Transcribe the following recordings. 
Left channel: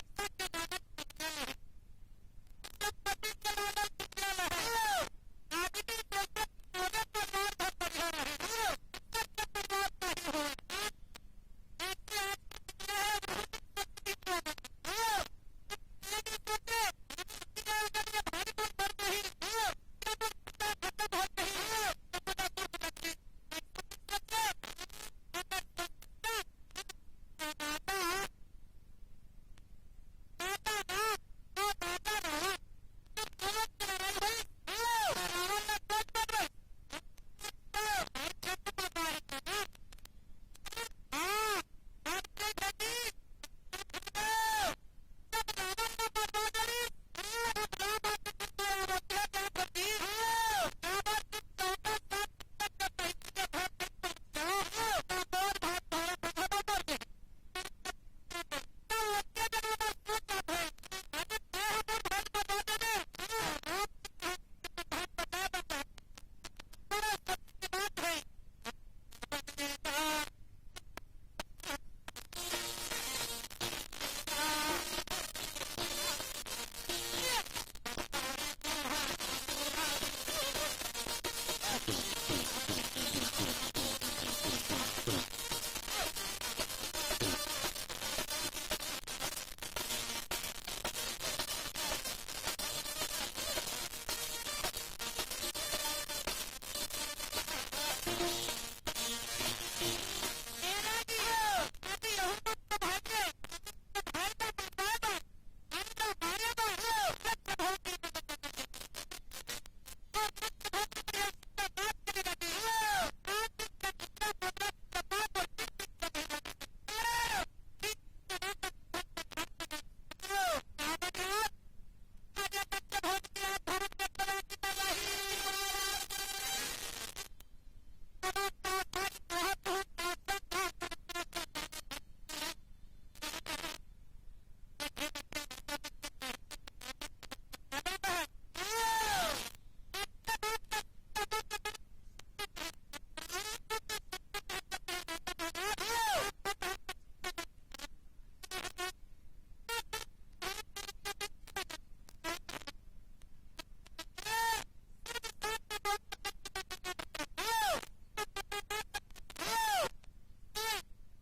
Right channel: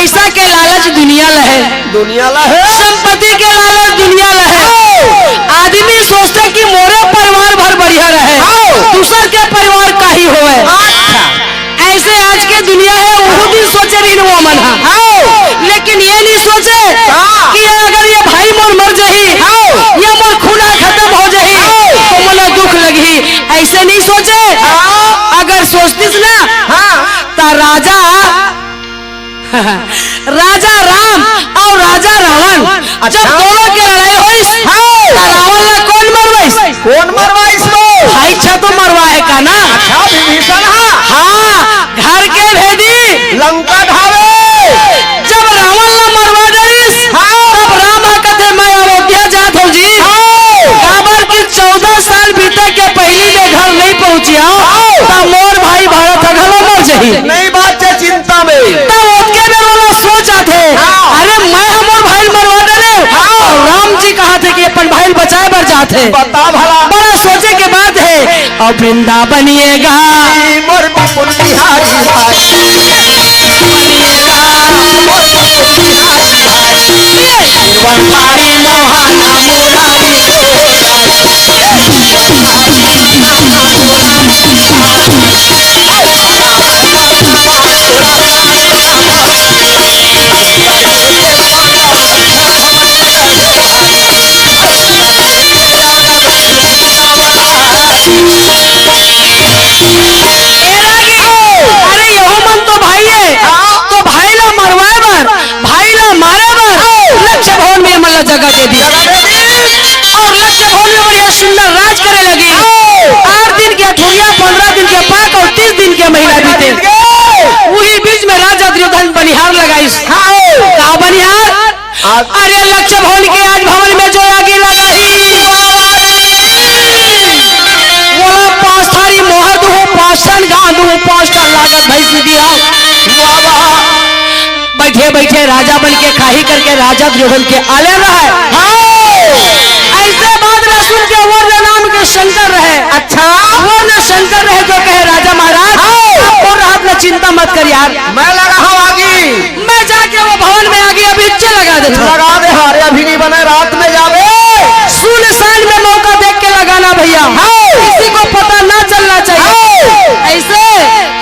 पैसा के लालच दुनिया लहे, संपत्ति के लालच दुनिया लहे। आदमी सोचते कि मोरे परिवार भर बढ़िया रहे, दूसर के परिवार का ही होवे। ऐसे आज के दुनिया है, वो भी सोचे रही वो मन, लेकिन ये नहीं सोचे कि अगर ये भाई मोर मर जाही या मोर खूना खत्म हो जाही तो मला दुख लगी। ऐसे नहीं सोचे। अगर सोचतीस ना तो राजा राम और राजा रावण जब दोनों की लड़ाई हुई तो रावण ने कौन मरवाइस? भाई छा तो मरवाए का ना। हाँ, घर के भेदी लंका ढावे। जब रावण ने मरवा डरिस तब राम कहते मैं अयोध्या जात हूँ जी। काबर की 14 साल बीते के पहली में घर नहीं पहुँचिया तब मोर भाई भारत घरों मर जाही। नहीं बात है चिंता में अरे मैं हमारे भाई मरवा डरे और राम जी कहा थे कि अपन भाई बचाए बर जाते। बता भला, बड़ा सोचे के बात है। और वृंदा बनिएगा मोर बापुर बिहारी भाई, बनिएगा मोर बापुर बिहारी भाई, वनवारी मोहाना मुरारी जगह दे दी और लक्ष्य भवन में बढ़िया सुंदर राज करे लगी। 8 दिन के अठोरिया, 15 दिन के पाक और 30 दिन के महीना बीते। वही बीच में राजा दुर्योधन बनिहार लगाई। कहा बनिहार? अरे लक्ष्य भवन के आज भवन में जो आगे लगा ही बोला 5 थारी मोहर दू, 5 टन गांधू, 5 टन लागत भैंस दिया। बैठे बैठे राजा बन के खाही करके राजा दुर्योधन के आले रहे। ऐसे बात न सुन के वर्ण नाम के शंकर रहे। अच्छा, वर्ण शंकर रहे तो कहे राजा महाराज और रात में चिंता मत कर यार, मैं लगा हूँ आगे, मैं जाके वो भवन में आगे अभी लगा देता। लगा दे, हारे अभी नहीं बने, रात में जावे। सुनसान में मौका देख के लगाना भैया, किसी को पता ना चलना चाहिए। ऐसे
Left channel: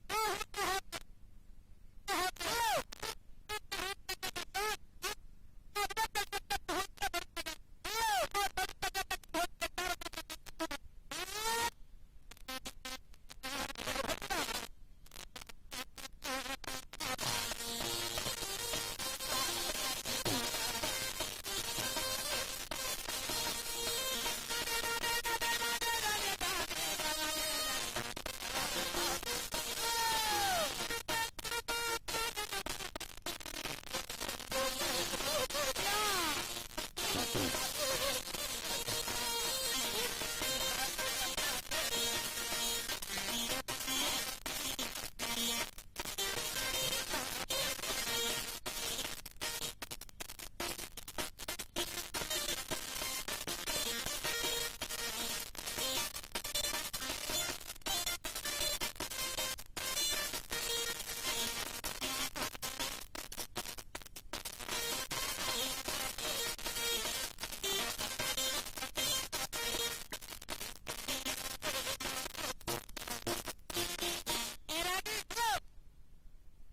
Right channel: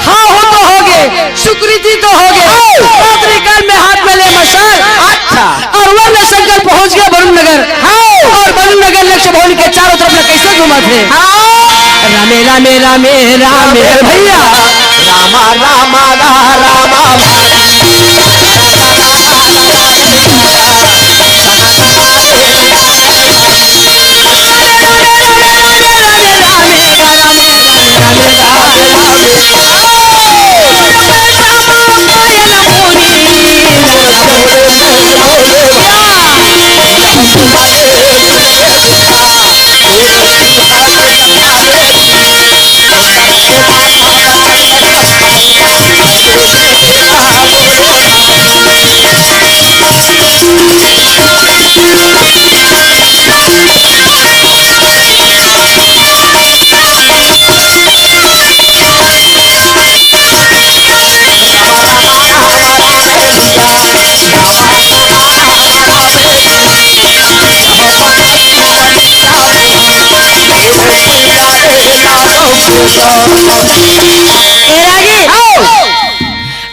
हाँ हो तो होगे, सुकृति तो होगे। रात्रिकाल में हाथ में ले मशाल। अच्छा, और वर्ण शंकर पहुंच गया वरुण नगर। और वरुण नगर लक्ष्य भवन के चारों तरफ में कैसे घुमा थे। रामे रामे रामे रामे भैया, रामा रामा रामा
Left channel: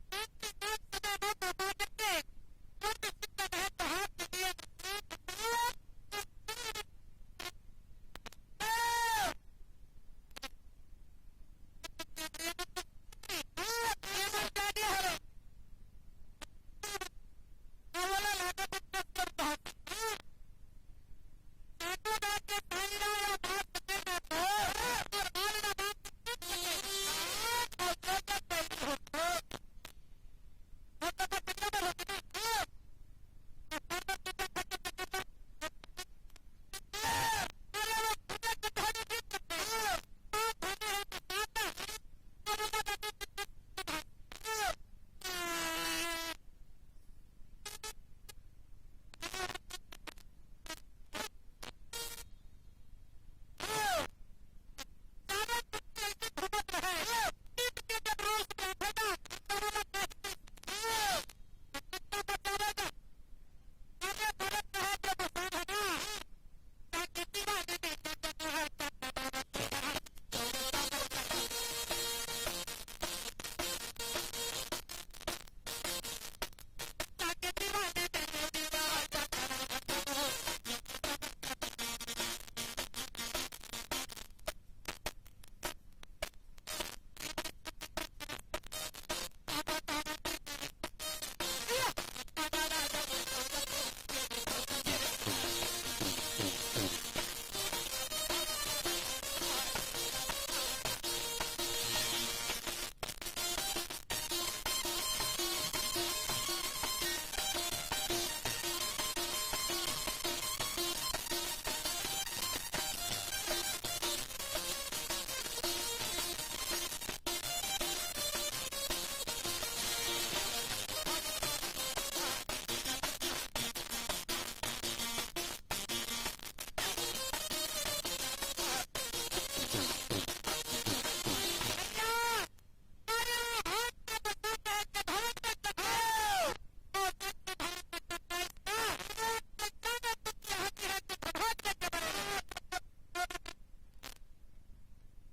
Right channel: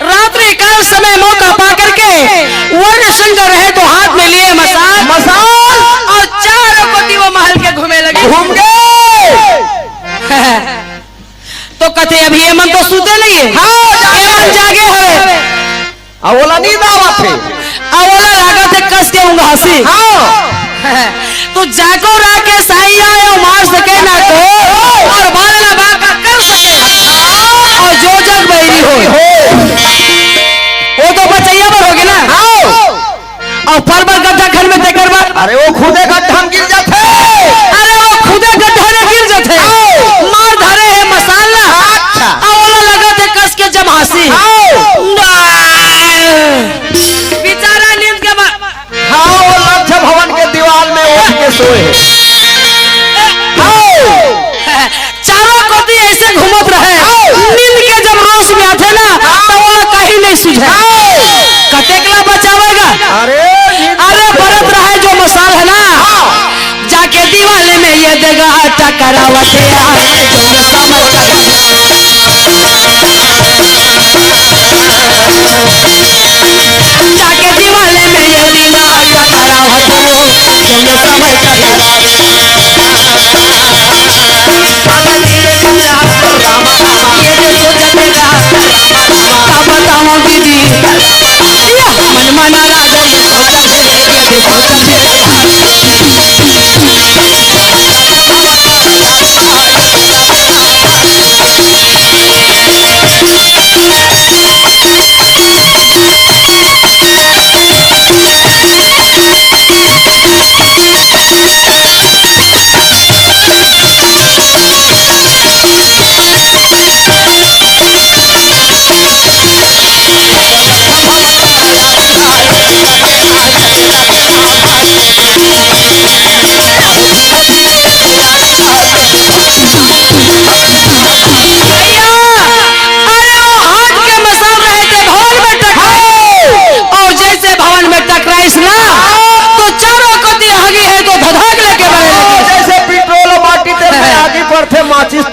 रात्रि काल समय मौका पा करके वर्ण शंकर रहे तो हाथ में लिए मसाल और चारों कोती वो महल के घूमे लगे। घूम गए तो कथे अभी ये मन तो सूते नहीं है। ये मन जागे है। अवला नींद आवत थे, अवला लागत है कस के ऊँग हंसी। तो जाको राके साई आयो मार सके ना को और बालना बाका कर सके और जो जग बैरी हो वो तो बचैया पर होगे ना। और पर गड्ढा खन में देकर बार, अरे वो खुदे गड्ढा में गिर जाते, अरे वो खुदे गड्ढा में गिर जाते। मार धरे है मसाला। अच्छा, अवला लगा थे कस के जब हंसी। बेचारा नींद के बाद वो लक्ष्य भवन के दीवार में उठ के सोए। चारों कोती ऐसे घूमत रहे। नींद के जब रोश में आते ना तो वो कहीं नहीं सुझे। कतेकला बचावेगा। अरे बरत रहा है जो मसाल है ना, जाके दीवाले में ये देगा टकरावते जो समझ जाके दीवाले में ये देगा टकरावते जो समझ बताओ दीदी मन मना राजा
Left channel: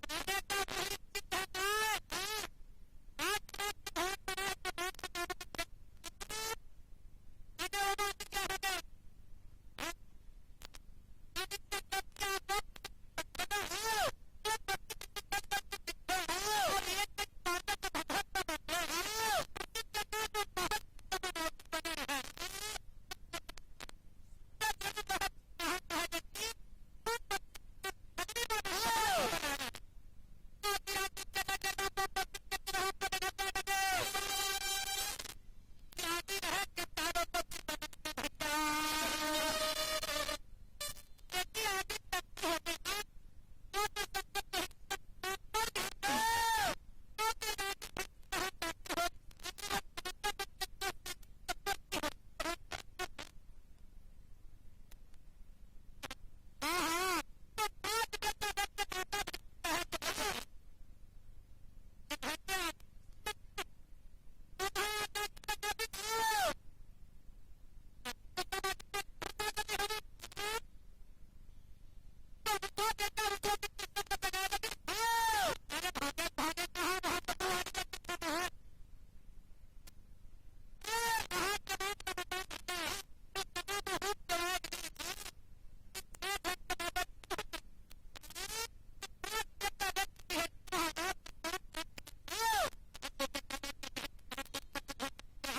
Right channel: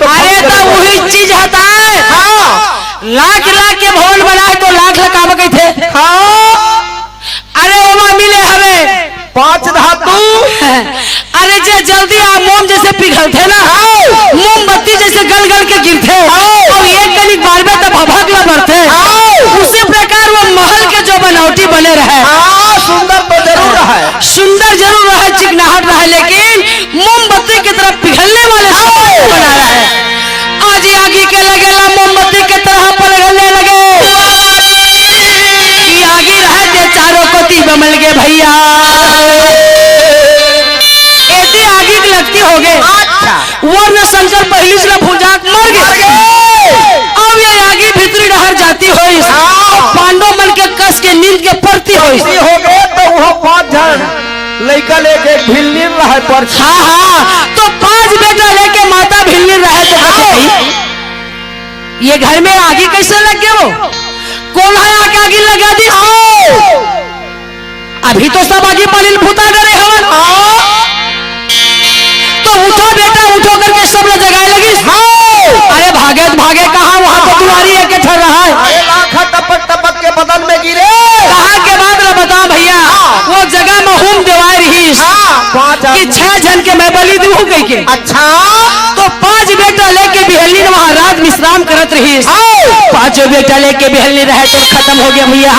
अरे तो वही चीज हता है। लाख लाख के भवन बनाए तो लाख लगा गए थे। अरे वहाँ मिले हमें 5 धातु। अरे जे जल्दी आ मोम जैसे पिघलते ना, मोमबत्ती जैसे गल गल के गिरते और एक कनिक बार में तब भभकला बढ़ते, उसी प्रकार वो महल के जो बनावटी बने रहे। सुंदर तो जरूर है, सुंदर जरूर रहा, चिकनाहट रहा, लेकिन मोमबत्ती की तरफ पिघलने वाले बना रहा है। आज आगे के लगेला मोमबत्ती के तरह पिघलने लगे। आगे रहे थे चारों को ती बमल गए भैया, ऐसी आगे की लगती हो गए। वरना शंकर पहली से भुजाक मर गए। अब ये आगे भीतरी डहर जाती हो, पांडव मन के कस के नींद के पड़ती हो गए तो वहाँ 5 जन लड़का लेके भिल्ली रहे पर। हाँ, तो 5 बेटा लेके माता भिल्ली रहे तो ये घर में आगे कैसे लग गए? वो कौन है आगे आगे लगा दी? अभी तो सब आगे पालिल भूता डरे हवन। तो उठो बेटा उठो करके सब लोग जगाए लगी। अरे भागे भागे कहाँ, वहां तो तुम्हारी एक ठहर रहा है। अरे लाखा टपक टपक के बदन में गिरे। कहाँ के बाद ना बता भैया, वो जगह में होम देवाई रही कि 6 जन के मैं बलि दूं कह के। अच्छा, तो 5 बेटा लेके बिहलनी वहां रात विश्राम करत रही। 5 बेटा लेके बिहलनी रहे तो खत्म हो गया भैया।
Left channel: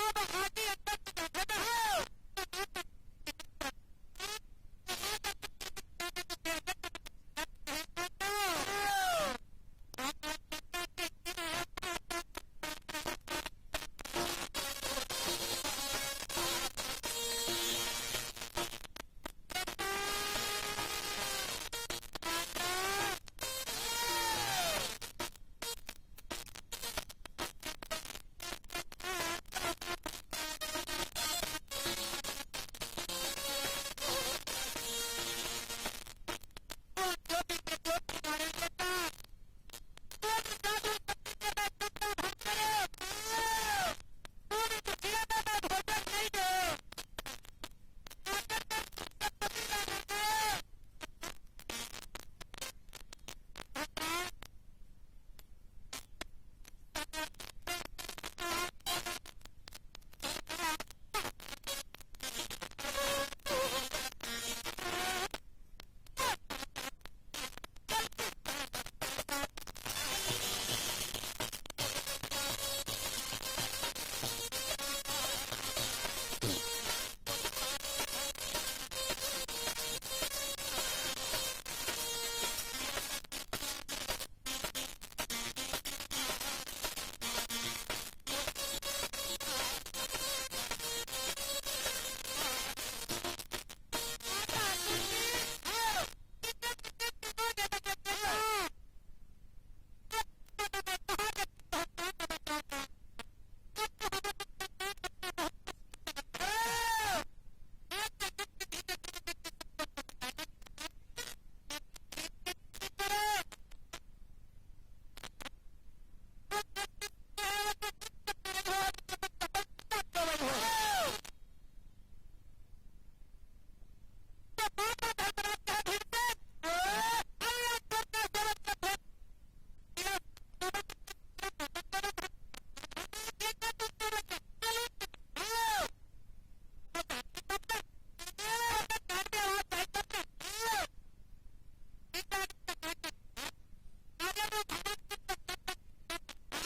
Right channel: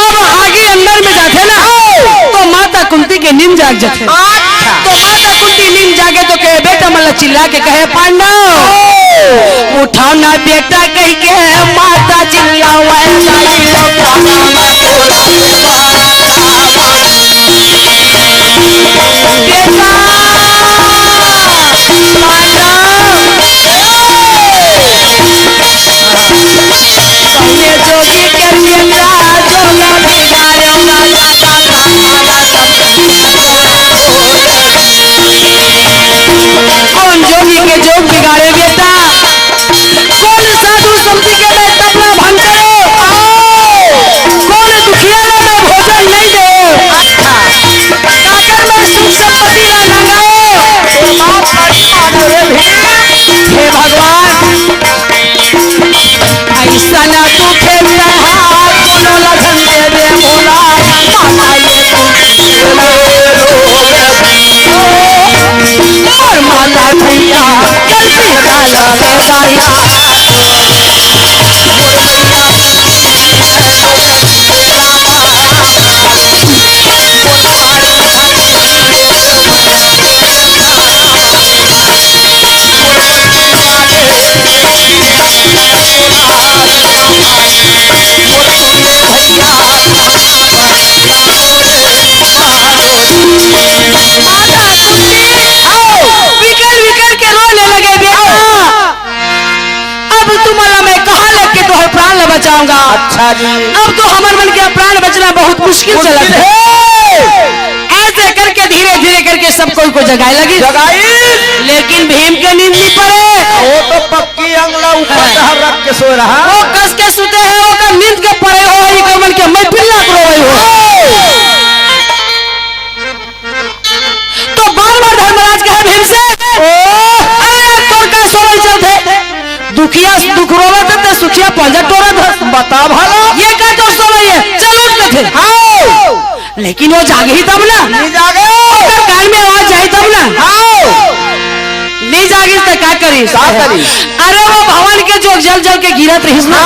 अब आगे अंदर में जाते ना तो माता कुंती के नींद जाग जाते। तो माता कुंती नींद जागे तो कहे बेटा मतलब चिल्ला के कहे पांडव उठाओ ना बेटा कह के माता चिल्लाओ। बेटा जोगी कर कौन जोगी के जोग बिगाड़े बेटा? कौन साधु संपत्ति के मैं तबला भंग करे? कौन दुखिया में मैं भोजन नहीं दे? काकर में सुख संपत्ति ना लंगाए? हे भगवान ऐसा ना तू खेलता है, कोनो लगन दे दे बोला माता ये और माता भैया गलती डाला रे दाया। बचाऊंगा। अच्छा जी, अब तो हमारे मन के प्राण बचना बहुत मुश्किल चला है। ऐसे करके धीरे धीरे करके सब कोई को जगाए लगी। लेकिन भीम के नींद नहीं पड़े। वो तो पक्की अंगला ऊपर रख के सो रहा। वो कस के सुते हैं, वो दुखिया दुख रोवत है तो सुखिया पंजा टोरत है। बता भला ये का दोस्तों भाई है चल उठ के थे हाँ लेकिन वो जागे ही तब ना नहीं जागे अगर कान में आवाज जाए तब ना हाँ नहीं जागी तो क्या करी अरे वो भवन के जो जल जल के गिरत रही ना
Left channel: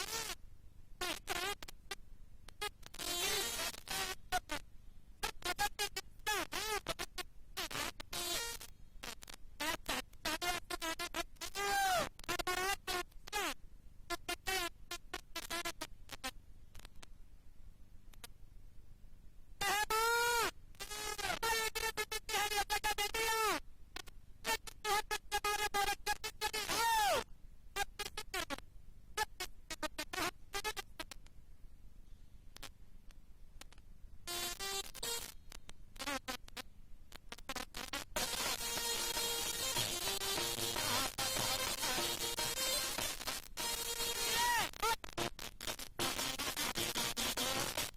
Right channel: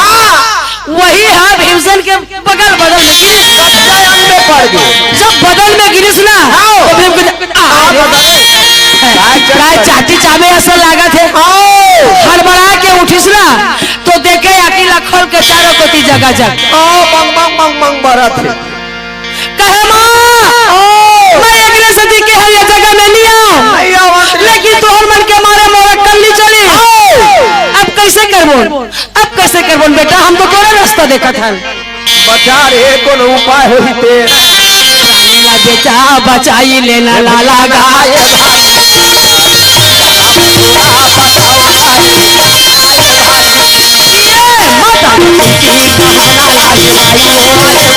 वही है भीमसेन के बगल बदल में गिरिस कच्चा अंग में पड़ गए जब बदल में गिरिस ना तो भीम को चाटी चाबे ऐसा लगा थे हड़बड़ा के उठिस ना तो देखे अकेला खोल के चारों कोती जगह जग मंग मंग मंग मंग बरत है कहे माँ मैं अगले सदी के है ये जगह में नहीं आऊं लेकिन तोहर मन के मारे मोरा कल नहीं चली अब कैसे करबो अब कैसे करबो बेटा हम तो तोरे रास्ता देखा था बचा रे कौन उपाय होई ते ला बेटा बचाई लेना लाला गाय माता की कहना लाई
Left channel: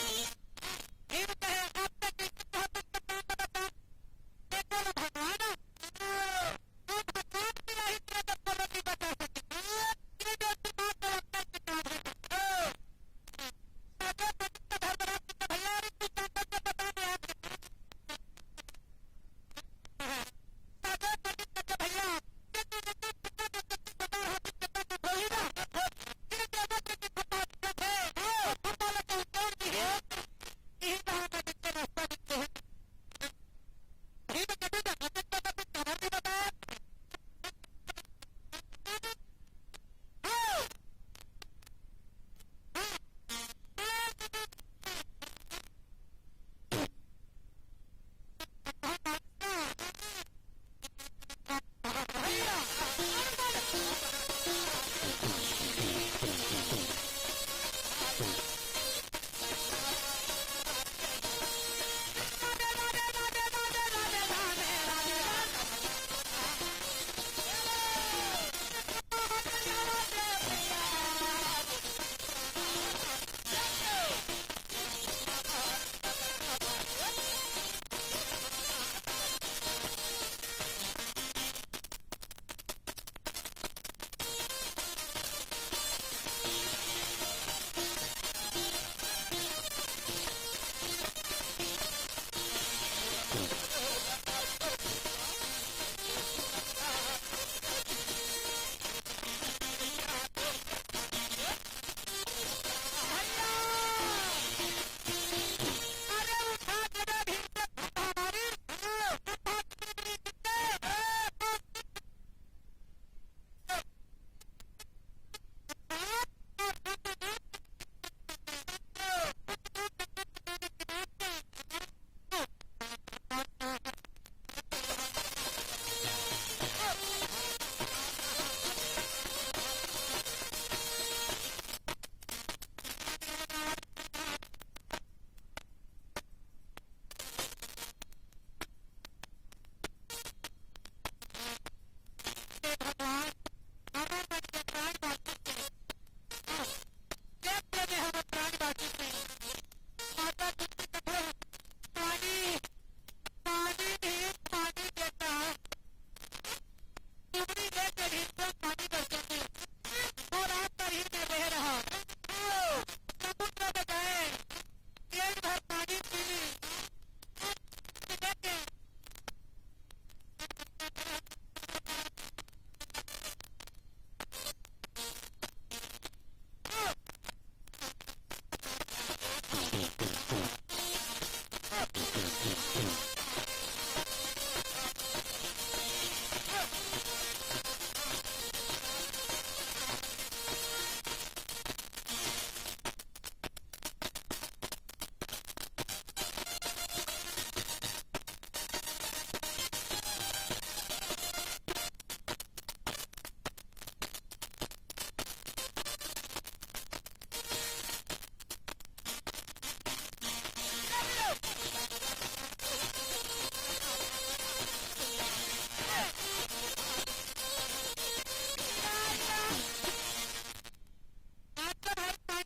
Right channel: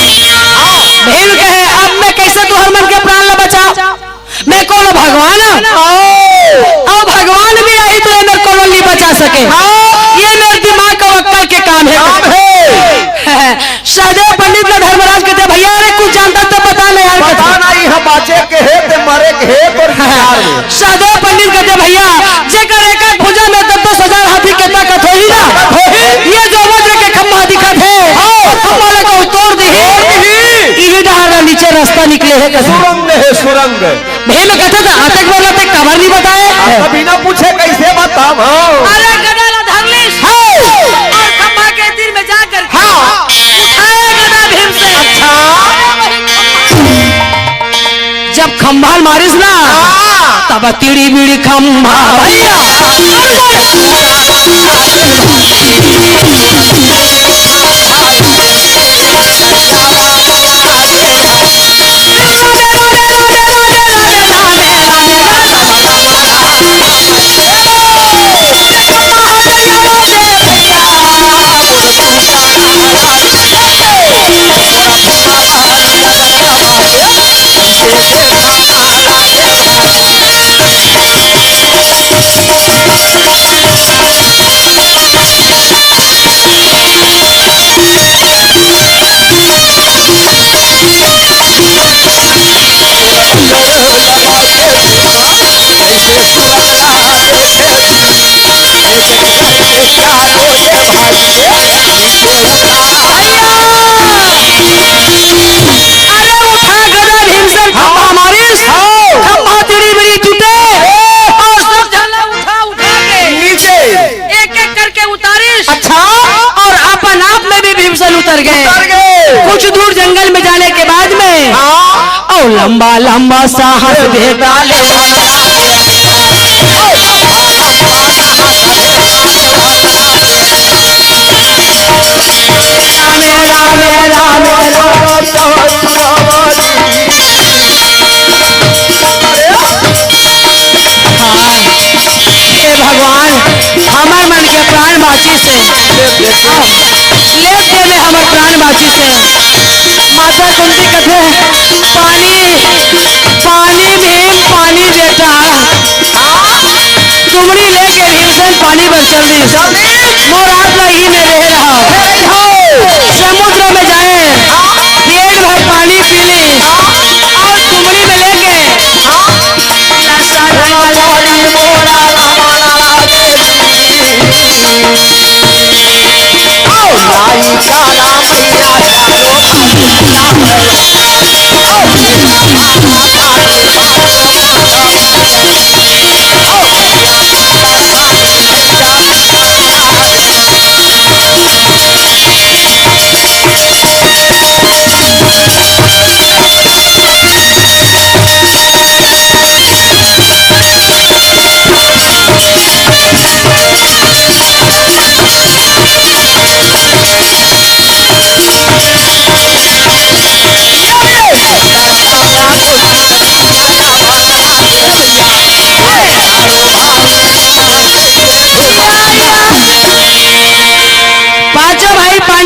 भीम कहे अब मैं कैसे तू हर मन के प्राण ला बचा मैं कौन भगवान और भगवान भी आई तो ये मेरे को नहीं बचा सके ये मेरे दिमाग का वक्कल के काम है सहदेव पंडित का धर्मराज कहते भैया अरे कुछ जानता तो बता नहीं यार पता नहीं हम बाचे के है ते मरे के है और सहदेव पंडित कहते भैया जेकर एक एक भुजा में 10,000 हाथी के ताकत होई ना ये जो वज्र के खम्भा दिखत है खम्भा को तोड़ दी इही डहार नीचे रास्ता निकले है कैसे सुरंग है सुरंग भीम कहते थे आतंक वाला ते खबर नहीं बताए कभी ना पूछे कैसे बताम अरे गदा धरलिस और खम्भा के तीर में जाकर उठाए गदा भीम से अच्छा जब खम्भा मारिस ना तब तीड़ी बीड़ी खम्भा भैया उतर गए कुछ दूर जंगल में जाने के बाद में और लंबा लंबा साहस दे डाले भगवान हमारे मन के प्राण बाची से लेप दे में हमारे प्राण बाची से माता कुंती कथे पानी पानी भीम पानी बेटा तुमड़ी लेके भीमसेन पानी पर चल दी मोरात लगी में रह रहा समुद्र में जाए पेट भर पानी पी ली और तुमड़ी में लेके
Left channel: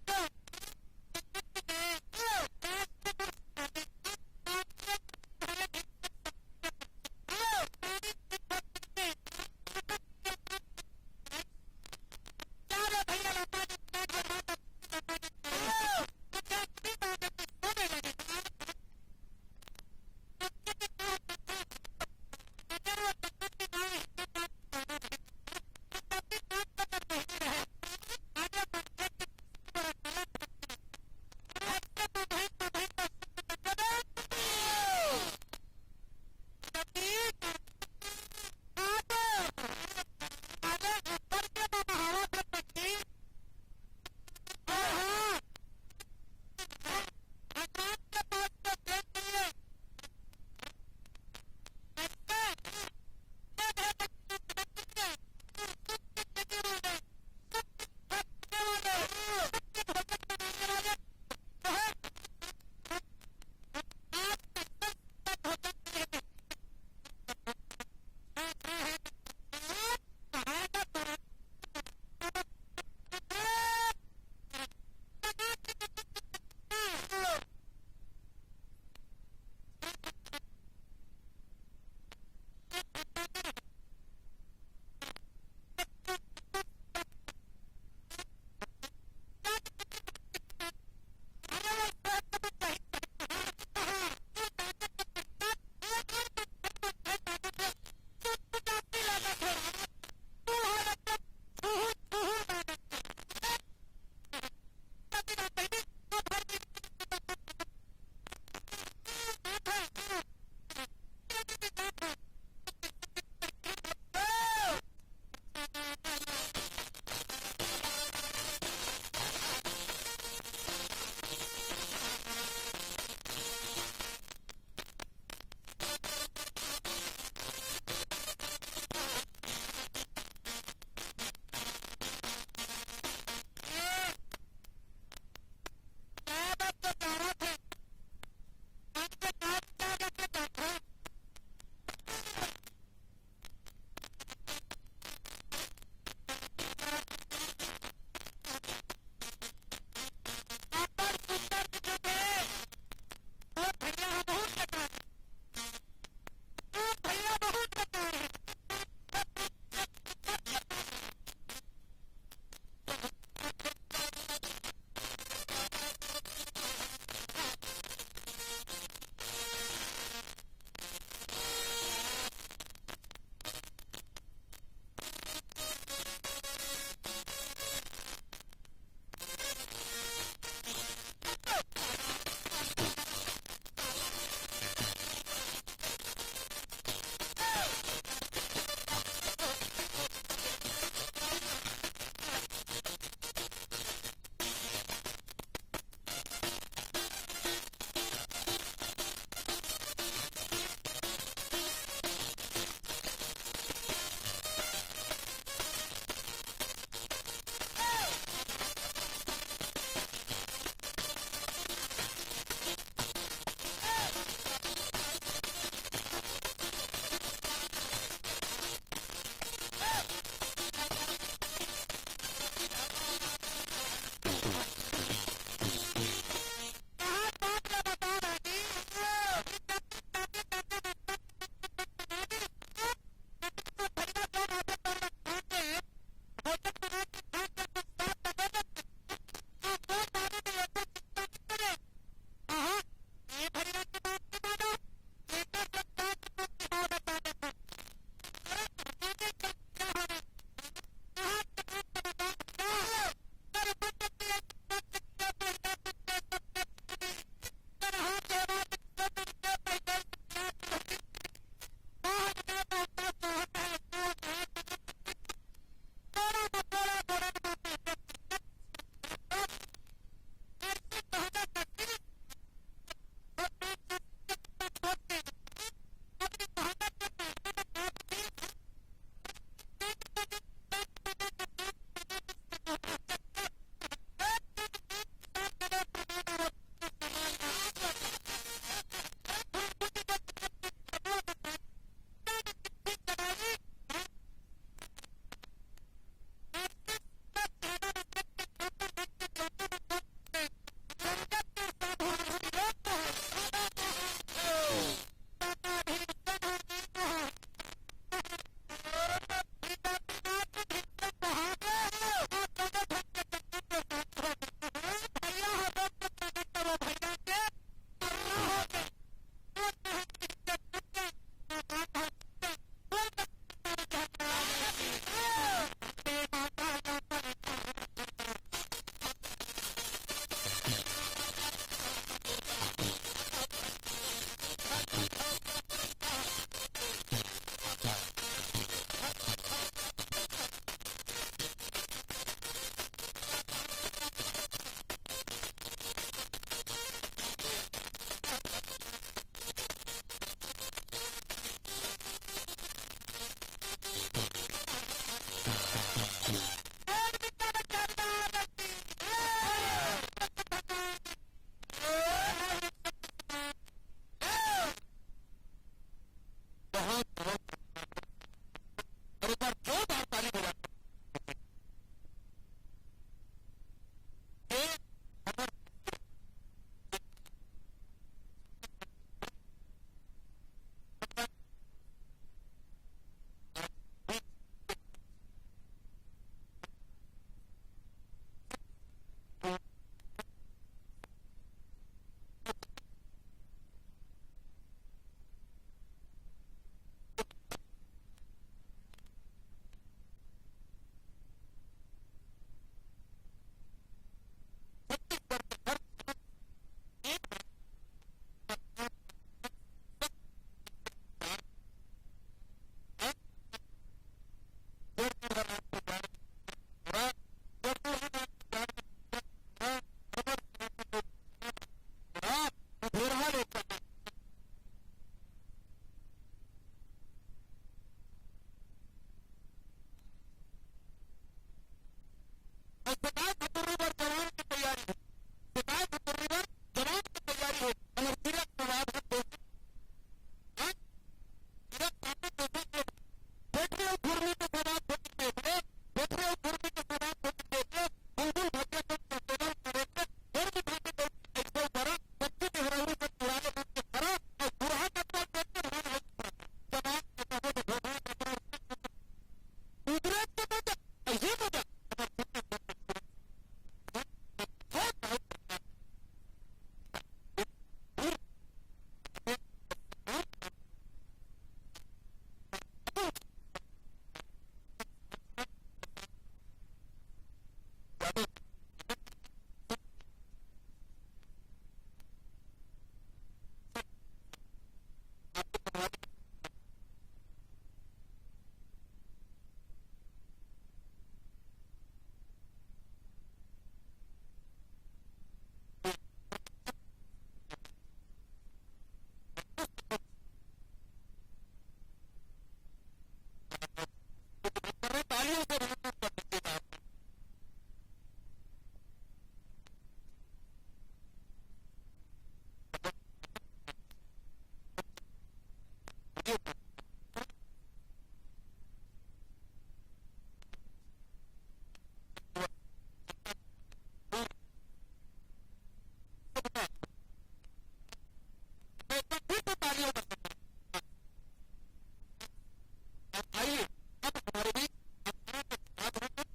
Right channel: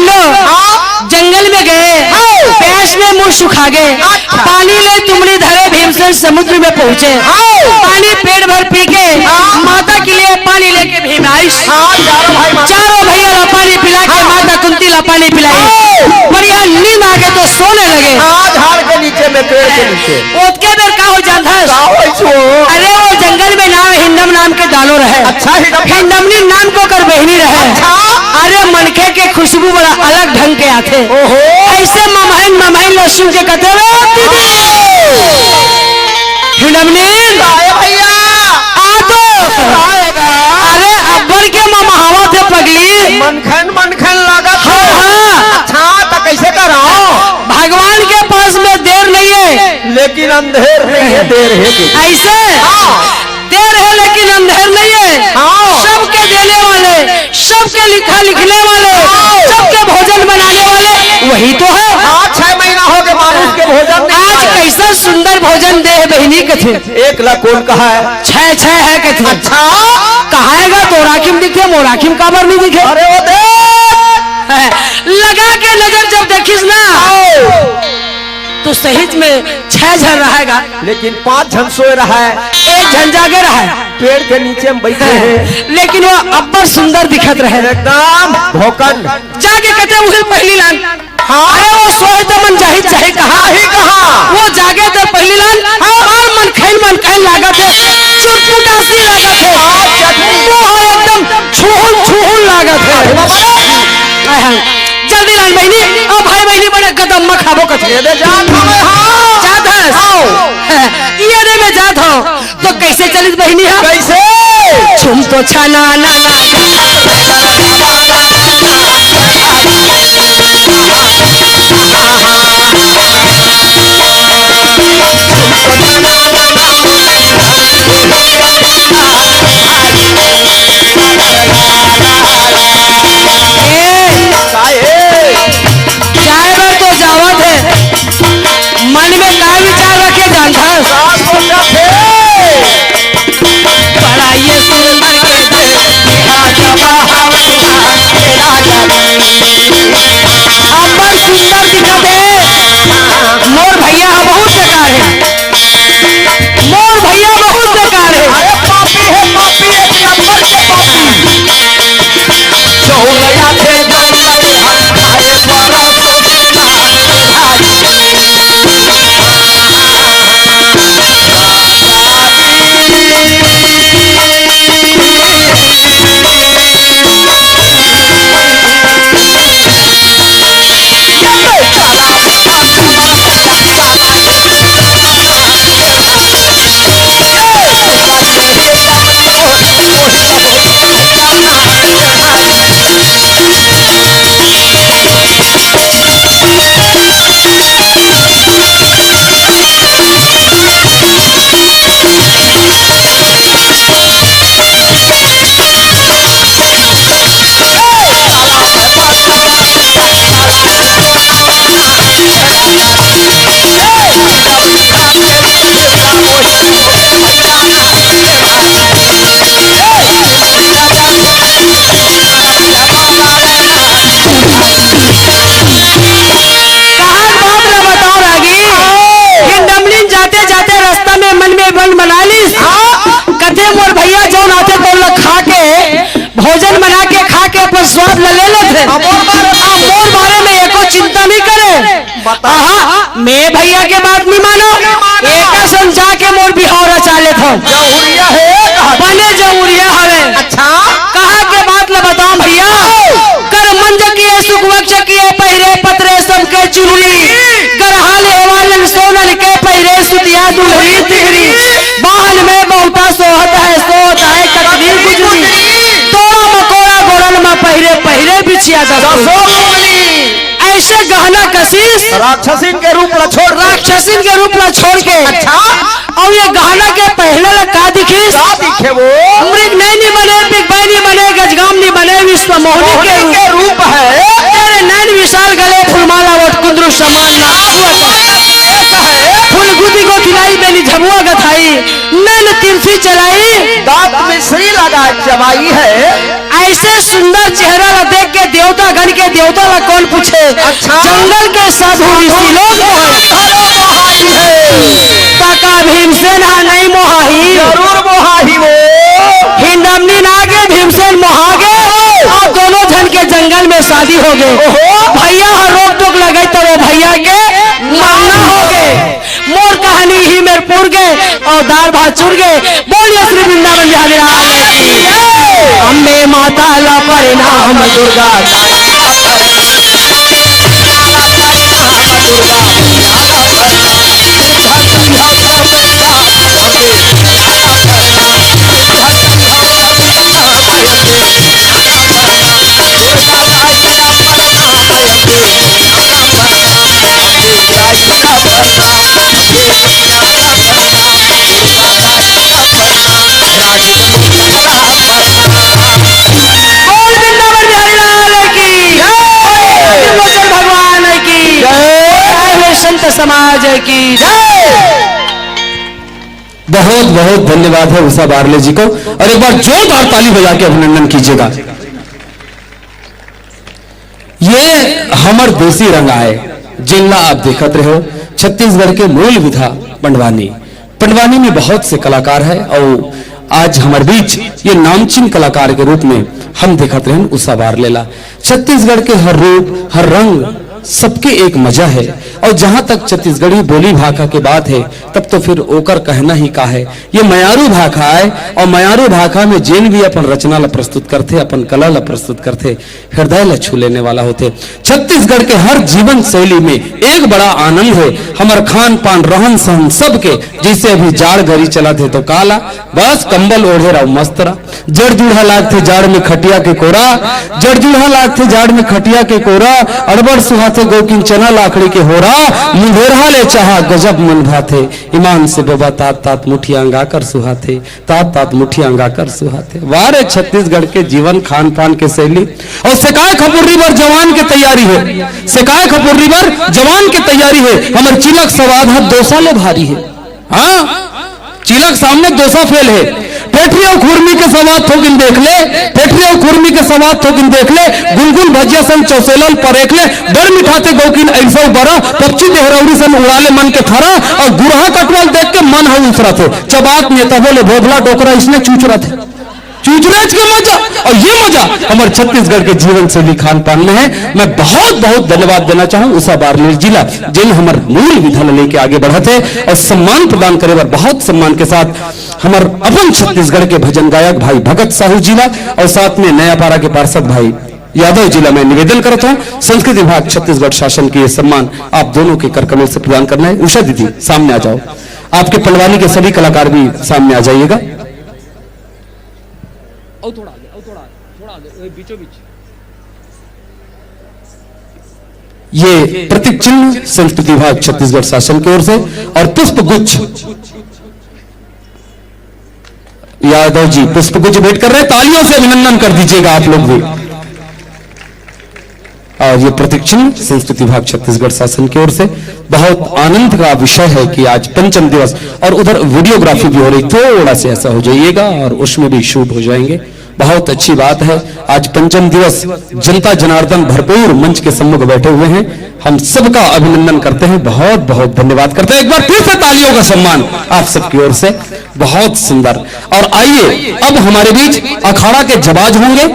लोग जंगल में गए, प्यास में मुंह सुखा गए, पानी ले तुमरी धरे भीमसेन समुद्र में पहुंचे, पानी पेट भर पी के माता के लिए पानी लेके भीम आई। चारों भैया ला पानी पिला के माता कुंती ला पानी पिलाई। बढ़िया नींद आ गए तो सोने लगे। झाड़ के नीचे में, पेड़ के नीचे। ओतके बेर का हो जाता है? अरे वो जंगल में नाम हिंदम नाम के डालो रहे। अच्छा, हिंदमनी नाम को कर बहनी रहे। अरे मनखे के खुशबू बड़ा अलग ढंग के आते। ऐसे ममहन ममहन लहसुन के कते हिंदमनी भैया आ तो। अरे अब्बर के ममहावा थे पगली। मनखन लागत। हाँ। अच्छा तो कैसे करो? भगवान के पास में देर नहीं है, लेकिन अंधेर नहीं है, देर है। ऐसे देर है लेकिन अंधेर नहीं है। सबके देने वाले, सबके लिखा लिखने वाले, सबके भोजन बनाने वाले वही तो है। 6 महीना हो गए मानुष के भोजन। आज कैसा सुंदर भोजन दे बहनी कथे। 1 लाख कौन कहा है? 6 है कथे। अच्छा कहाएगा तो राखिम दिखे, मोराखिम काबर नहीं दिखे। अरे वो दे लगा के नजर जब देखिस ना तो सही में 6 जन रहेगा, लेकिन 5 जन सोए रहा है, 1 जन जागे रहा है। पेड़ के नीचे में बैठे हैं, लेकिन वो अब्बर सुंदर दिखत रहे एकदम भोकन। जाके कहते उसे पहली लान। अरे वो सोए तो मन जाहि चाहे कहा वो जागे तो पहली लान। मन खैन लागत है, चुटपुटासी लागत है, वो एकदम छूहुल लागत है। जल्दी लान बहनी, ओ भाई बहनी बड़े कदम में खाबो कथे। ये में जात हो तो कैसे चलित बहनी है? कैसे? छुम तो छाना ना भोजन बना के खा के अपन स्वाद ले लेते। मोर बारे में एको चिंता नहीं करे। मैं भैया के बात नहीं मानो, एक समझा के मोर बिहार रचा लेता हूँ। जौहरिया है, बने जौहरिया हवे। अच्छा कहा के बात ल बताओ भैया। कर मंज किए सुख वक्ष किए पहिरे पत्रे सबके चुनरी, कर हाल एवालन सोनल के पहिरे सुतिया दुल्हरी तिहरी, बाहन में बहुता सोहत है कतदीर गुजरी, तोड़ा मकोड़ा गोड़न में पहिरे पहिरे बिछिया ऐसे गहना कशिश राक्षसीन के रूप ला छोड़ के। अच्छा और ये गहना के पहले ला का दिखिस? दिखे वो मृग नहीं बने, बिगबाई नहीं बने, गजगाम नहीं बने, विश्व मोहनी के रूप है। तेरे नैन विशाल गले फुलमाला वट कुंद्रु समान ना फूल गुदी को खिलाई बेली झबुआ गथाई, नैन तिरछी चलाई, दांत में श्री लगा चबाई है। ऐसे सुंदर चेहरा ला देख के देवता गण के देवता ला कौन पूछे। अच्छा। जंगल के साधु ऋषि लोग काका भीमसेन नहीं मोहाही, जरूर मोहाही वो हिंडमनी नागे भीमसेन मोहागे और दोनों जन के जंगल में शादी हो गए। भैया हर रोक टोक लगे तो वो भैया के मांगना हो गए। मोर कहानी ही मेरे पुर गए और दाल भात चुर गए। बोलिए श्री वृंदावन बिहारी लाल की अम्बे माता ला परिणाम दुर्गा समाज की जय। बहुत बहुत धन्यवाद है उषा बारले जी को, और एक बार जोरदार ताली बजा के अभिनंदन कीजिएगा। ये हमर देसी रंग आए जिनला आप देखते रहो छत्तीसगढ़ के मूल विधा पंडवानी। पंडवानी में बहुत से कलाकार है और आज हमारे बीच ये नामचीन कलाकार के रूप में हम देखते रहे उषा बारले ला। छत्तीसगढ़ के हर रूप हर रंग सबके एक मजा है, और जहां तक छत्तीसगढ़ी बोली भाषा की बात है तब तो फिर ओकर कहना ही का है। ये मयारू भाषा है और मयारू भाषा में जिन भी अपन रचना ला प्रस्तुत करते, अपन कला ला प्रस्तुत करते, हृदय ला छू लेने वाला होते। छत्तीसगढ़ के हर जीवन शैली में एक बड़ा आनंद है। हमार खान पान रहन सहन सबके, जैसे अभी जाड़ घरी चला थे तो काला बस कंबल ओढ़े रहो मस्त रहा। जड़ जुड़ा लागते जाड़ में खटिया के कोरा, जड़ जुड़ा लागते जाड़ में खटिया के कोरा, अड़बड़ सुहा गोकिन चना लाकड़ी के हो रहा, मुंडेरहा ले चाहा गजब मन भाते, ईमान से बाबा तात तात मुठिया अंगा कर सुहाते, तात तात मुठिया अंगा कर सुहाते। वारे छत्तीसगढ़ के जीवन खान पान के शैली। और सिकाय खपुर्री पर जवान के तैयारी है, सिकाय खपुर्री पर जवान के तैयारी है। हमारे चिलक सवाद है दोसा ले भारी है। हाँ चिलक सामने दोसा फेल है। पेटरी और खुरमी के सवाद थोकिन देख ले, पेटरी और खुरमी के सवाद थोकिन देख ले, गुनगुन भजिया सन चौसेलल परेख ले, डर मिठाते गौकिन ऐसा बरा, पक्षी देहरौरी सन उड़ाले मन के थरा, और गुरहा कटवाल देख के मन है उसरा थे। चबात नेता बोले भोगला टोकरा इसने चूच रहा थे, चूचराज के मजा। और ये मजा हमारे छत्तीसगढ़ के जीवन शैली खान पान में है। मैं बहुत बहुत धन्यवाद देना चाहूँ उषा बारले जिला जिन हमारे मूल विधा लेके आगे बढ़ते और सम्मान प्रदान करे बार बहुत सम्मान के साथ हमारे अपन छत्तीसगढ़ के भजन गायक भाई भगत साहू जिला और साथ में नयापारा के पार्षद भाई यादव जिला में निवेदन करता हूँ संस्कृति विभाग छत्तीसगढ़ शासन की ये सम्मान आप दोनों के कर कमल से प्रदान करना है। उषा दीदी सामने आ जाओ, आपके पंडवानी के सभी कलाकार भी सामने आ जाइएगा। ये प्रतीक चिन्ह संस्कृति विभाग छत्तीसगढ़ शासन की ओर से और पुष्प गुच्छ यादव जी पुष्प गुच्छ भेंट कर रहे हैं, तालियों से अभिनंदन कर दीजिएगा आप लोग भी। और ये प्रतीक चिन्ह संस्कृति विभाग छत्तीसगढ़ शासन की ओर से बहुत आनंद का विषय है कि आज पंचम दिवस और उधर वीडियोग्राफी भी हो रही, थोड़ा सा ऐसा हो जाइएगा और उसमें भी शूट हो जाएंगे। बहुत अच्छी बात है, आज पंचम दिवस जनता जनार्दन भरपूर मंच के सम्मुख बैठे हुए हैं। हम सबका अभिनंदन करते हैं, बहुत बहुत धन्यवाद करते हैं। एक बार फिर से तालियों का सम्मान आप सबकी ओर से, बहुत सुंदर। और आइए अब हमारे बीच अखाड़ा के जवाज होंगे।